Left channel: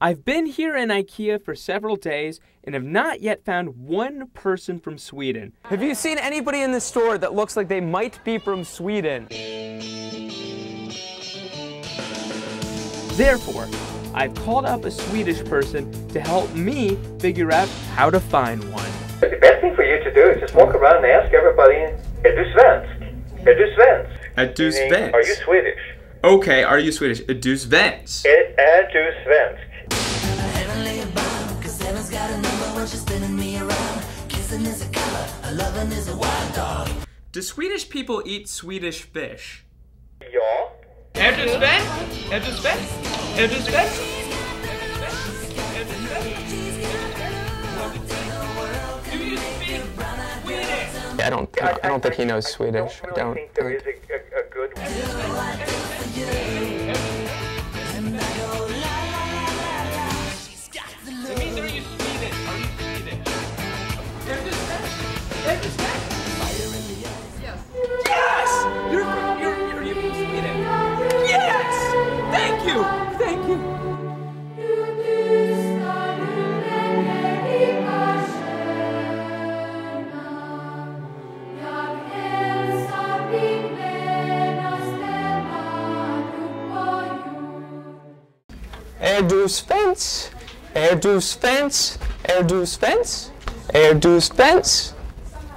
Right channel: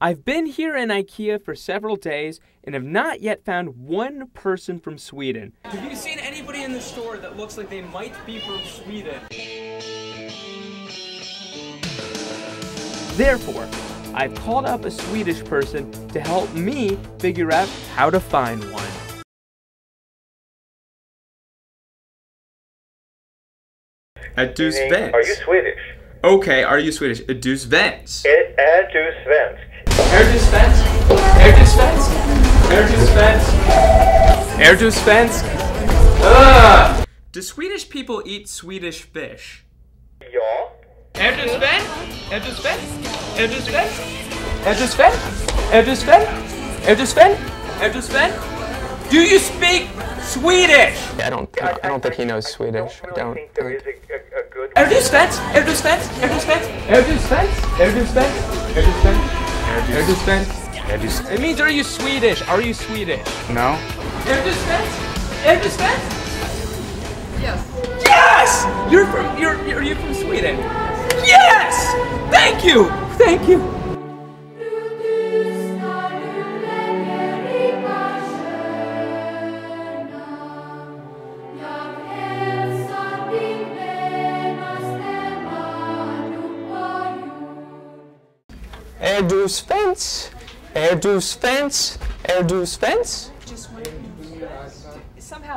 I've been here in IKEA for several days and have not yet found one person from Sweden. Have you seen anybody in the store that looks like they might be from Sweden? Therefore, I've called up a Swedish person to help me figure out how to find one. The best thing for you to do is just walk around and ask everybody, "Är du svensk? Är du svensk?" Är du svensk? Are you Swedish? Okay, are you Swedish? Är du svensk? Är du svensk? Är du svensk? Är du svensk? Är du svensk? Är du svensk? Do Swedish people eat Swedish fish? Ja. Är du svensk? Är du svensk? Är du svensk? Är du svensk? Är du svensk? Är du svensk? Är du svensk? Do you speak Swedish? I don't think he knows Swedish. I don't think there is a good Är du svensk? Är du svensk? Är du svensk? Är du svensk? Är du svensk? Är du svensk? Är du svensk? It means, are you Swedish? Are you Swedish? No. Är du svensk? Är du svensk? Yes. Yes! Are you from Sweden? Yes! Thank you! Thank you! Är du svensk? Är du svensk? Är du svensk? Är du svensk?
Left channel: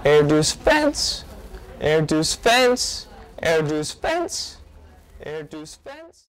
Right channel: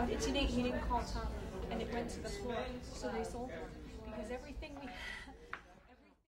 Är du svensk? Är du svensk? Är du svensk? Är du svensk?